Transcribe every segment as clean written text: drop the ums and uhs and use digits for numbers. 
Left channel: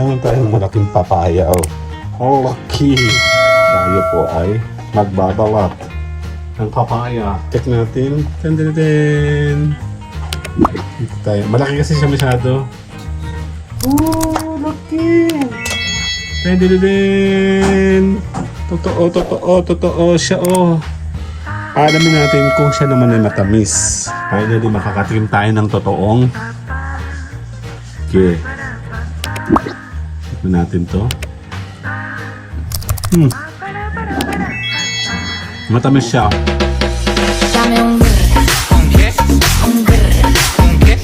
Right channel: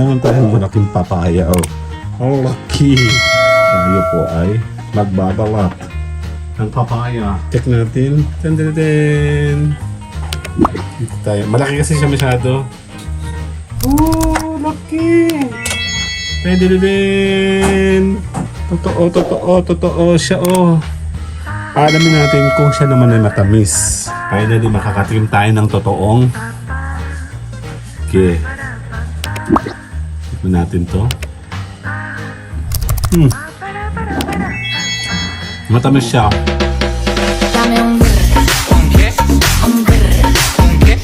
Meron tayong malaking papaya. Oh, lucky. Tayo po ay magbabalat ng papaya. Check natin. Tan. Tayo. Malaki kasi siya masyado. Oh, lucky. Pwede din. Totoo siya, oh. Alamin natin kung siya naman ay matamis. Finally, makakatim tayo ng totoong. Okay. Tignan natin to. Matamis siya. Dame un grr, un grr, un grr, un grr,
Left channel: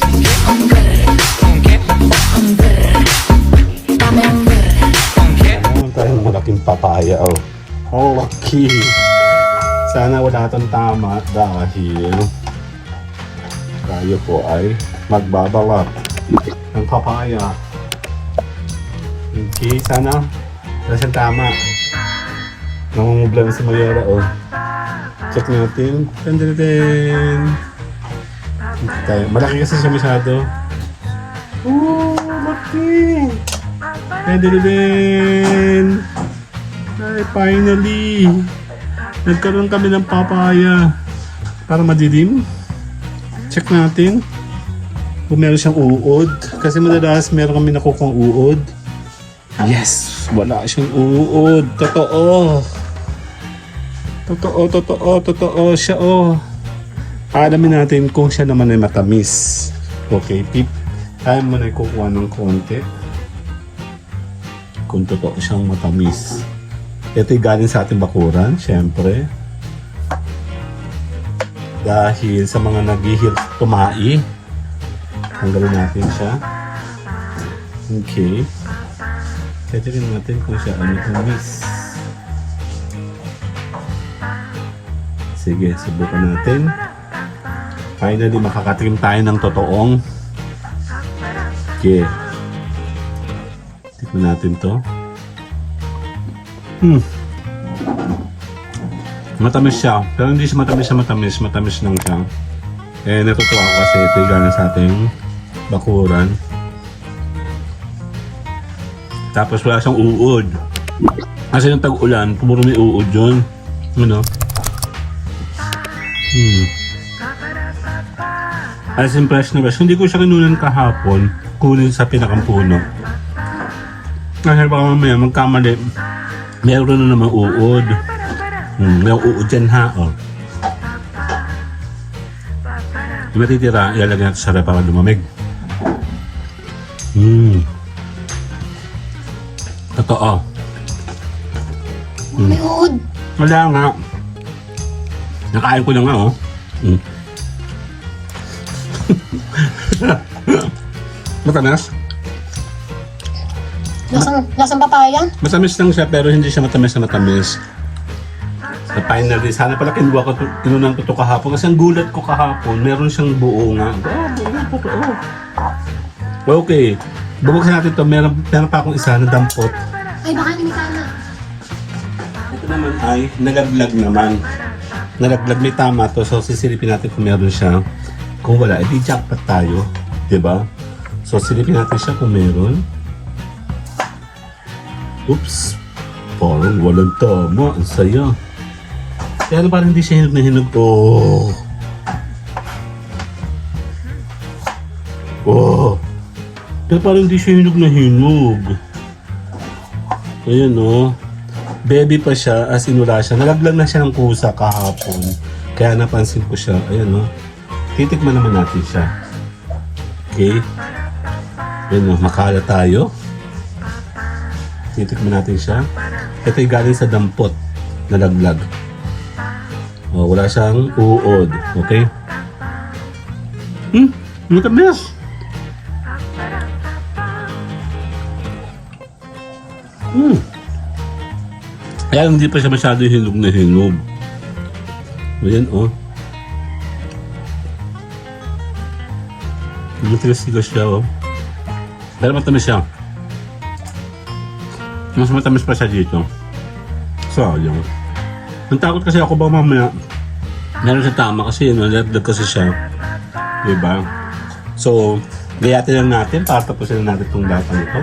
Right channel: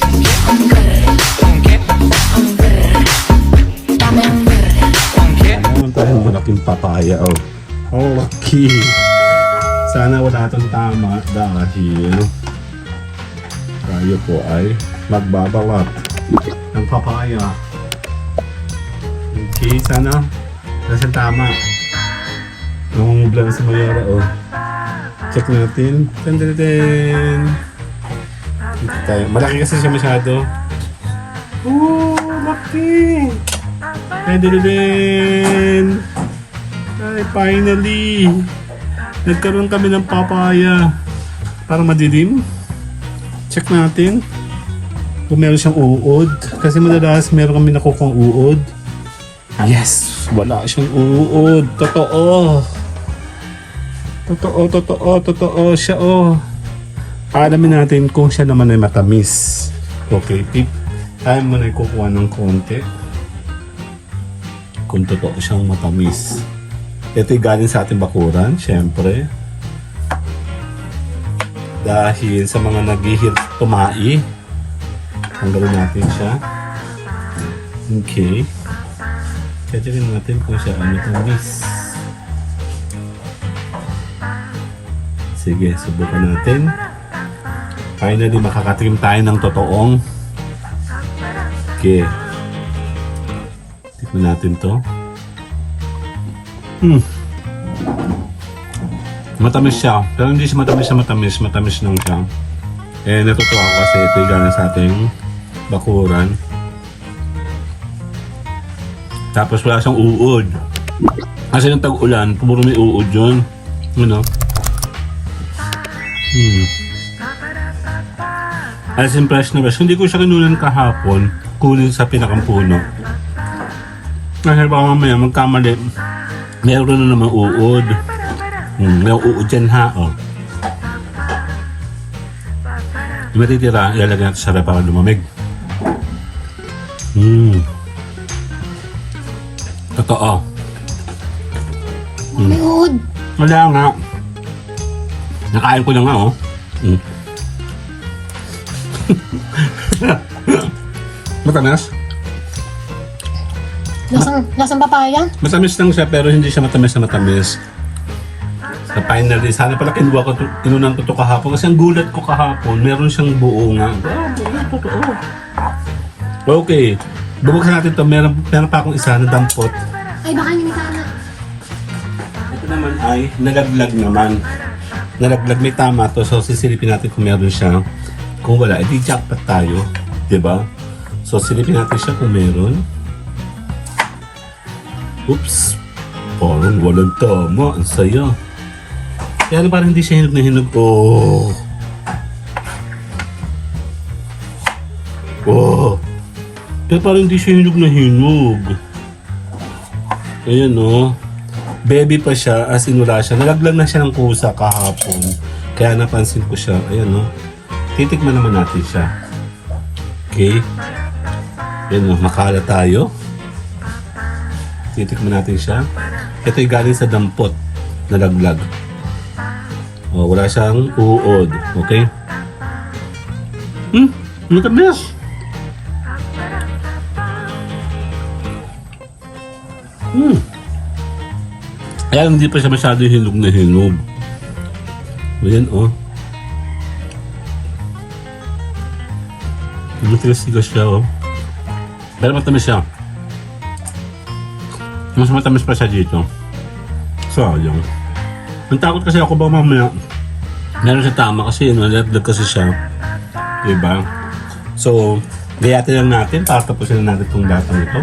un grr, un grr, un grr. Dame un grr, un grr. Meron tayong malaking papaya. Oh, lucky. Sana wala itong tama dahil tayo po ay magbabalat ng papaya. Okay, sana wala siyang tama. Nangungubla na sa mayara. Check natin. Tan. Tayo. Malaki kasi siya masyado. Oh, lucky. Pwede din. Ay, finally. Nagkaroon kami ng papaya. Para madilim. Check natin. Kung meron siyang uod. Kasi madalas meron kami nakukuha uod. Yes! Wala siyang uod. Totoo siya, oh. Alamin natin kung siya naman ay matamis. Okay, tip. Tayo muna ay kukuha ng konti. Kung totoo siyang matamis. Ito'y galing sa ating bakuran, syempre. Dahil sa mga naghihirap tumae, tanggalin natin siya. Okay. Tingnan natin kung siya ay matamis. Sige, subukan natin. Finally, makakatikim tayo ng totoong. Okay. Tingnan natin to. Matamis siya. Pero hindi siya matamis na matamis. Matamis lang siya. Eh, natutuwa ako kasi ito yung gana sa ating bakuran. Tapos wala siyang uod. Kasi nung tag-ulan, puro may uod yun. Ano? As in fresh na fresh. Hindi ko siya kinunan kahapon. Kunin sa pinakang puno. Kasi baka mamaya magkamali. Meron na naman uod. May uod dyan ha. Oh. Yung matitira, ilalagay natin sa rep para lumamig. Totoo. Wala nga. Nakain ko na nga, oh. Matamis? Lasang papaya? Matamis lang siya pero hindi siya matamis na matamis. So finally, sana pala kinuha ko inunang ito kahapon kasi ang gulat ko kahapon, meron siyang buo nga. Okay, bubuksan natin ito. Meron pa akong isa na dampot. Ay, baka hindi sana. Ito naman ay nalaglag naman. Nalaglag, may tama to. So sisilipin natin kung meron siya. Kung wala, edi jackpot tayo. Diba? So silipin natin siya kung meron. Oops! Parang walang tama. Ang saya. Kaya parang hindi siya hinog na hinog. Oh! Oh! Kaya parang hindi siya hinog na hinog. Ayan, oh. Baby pa siya, as in wala siya. Nalaglag na siya ng kusa kahapon. Kaya napansin ko siya. Ayan, oh. Titikman naman natin siya. Okay. Ayan, oh. Makala tayo. Titikman natin siya. Ito ay galing sa dampot. Nalaglag. Oh, wala siyang uod. Okay? Matamis. Kaya hindi pa siya masyado hinog na hinog. Ayan, oh. Matigas-tigas siya, oh. Pero matamis siya. Mas matamis pa siya dito. Sayang. Ang takot kasi ako ba mamaya meron siya tama kasi nalaglag kasi siya. Diba? So, gayatin lang natin para tapusin natin itong data ito.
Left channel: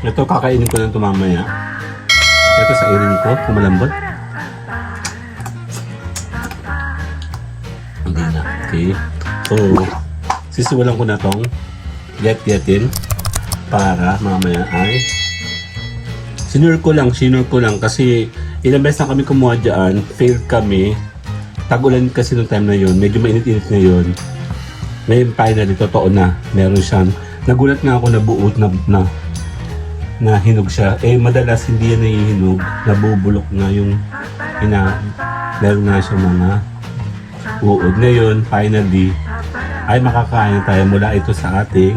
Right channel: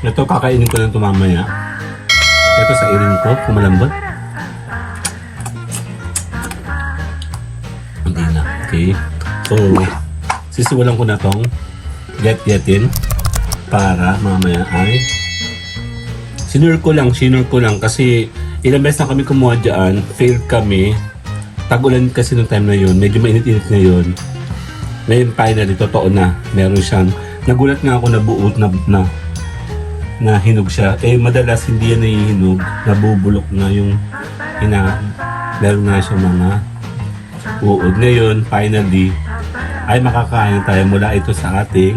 Ito, kakainin ko lang ito mamaya. Ito sa irin ko, kumalambot. Hindi na, okay. So, sisimulan ko na itong get-getin para mamaya ay sinure ko lang kasi ilang beses na kami kumuha dyan, failed kami. Tagulan kasi nung time na yun, medyo mainit-init na yun. Ngayon finally, totoo na, meron siyang, nagulat nga ako na buot na hinog siya. Eh madalas hindi yan nahihinog, nabubulok na yung meron nga siya mga uod. Ngayon, finally, ay makakain tayo mula ito sa ating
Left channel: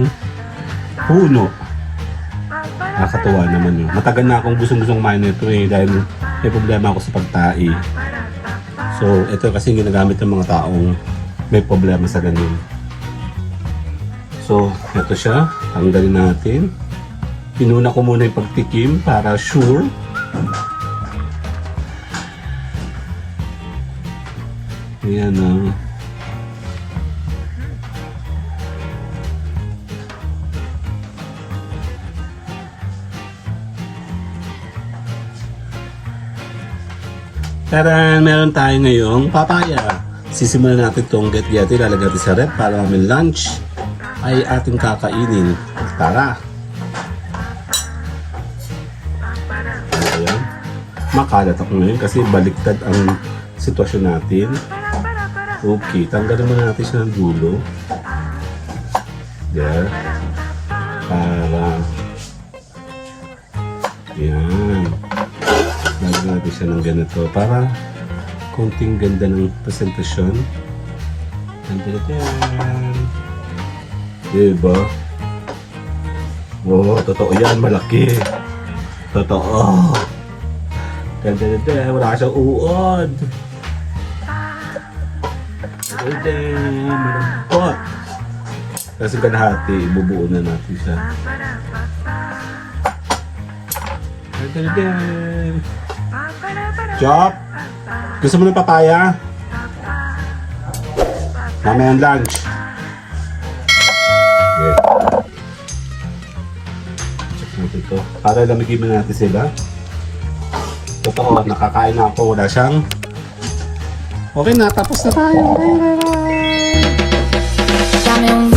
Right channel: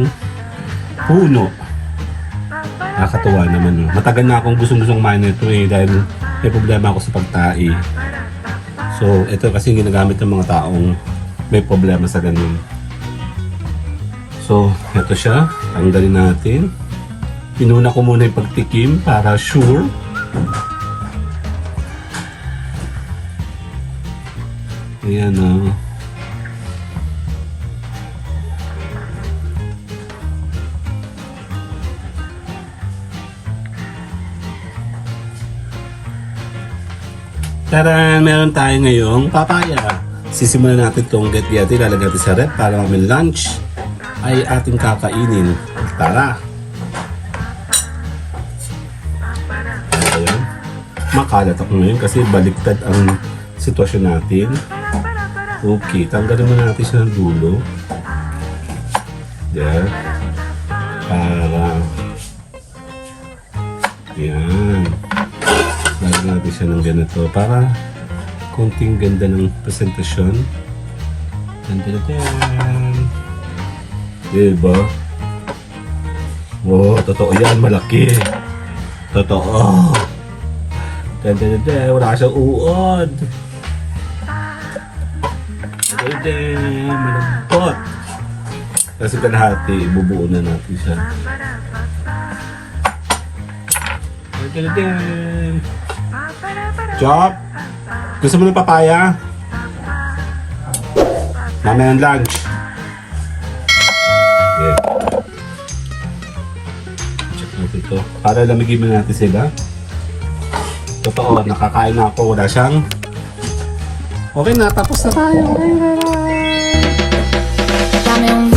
puno. Nakatuwa naman yun. Matagal na akong gustong kumain nito dahil may problema ako sa pagtai. So, ito kasi ginagamit ng mga taong may problema sa ganun. So, ito siya. Tanggalin natin. Pinuna ko muna yung pagtikim para sure. Ayan o. Tara, meron tayo ngayong papaya. Sisimulan natin itong get-yeti, lalagyan natin sa rep para kami lunch ay ating kakainin. Tara! Makalat ako ngayon kasi baliktad ang sitwasyon natin. Okay, tanggalin mo natin siya ng dulo. Yan. Para. Yan. Lagyan natin siya ng ganito para konting ganda ng presentasyon. Diba? Oh, totoo yan, malaki. Totoo. Ganda, wala siyang uod. Hindi, malungkot. Kasi kalahati, bubuo na natin siya. Ganda. Chop! Gusto mo ng papaya? Mamaya ng lunch. Yeah. Check natin ito. Para lamigin mo natin sa iba. Totoo, nakakain na ako. Wala siyang... Okay na, tapos na tayo. Dame un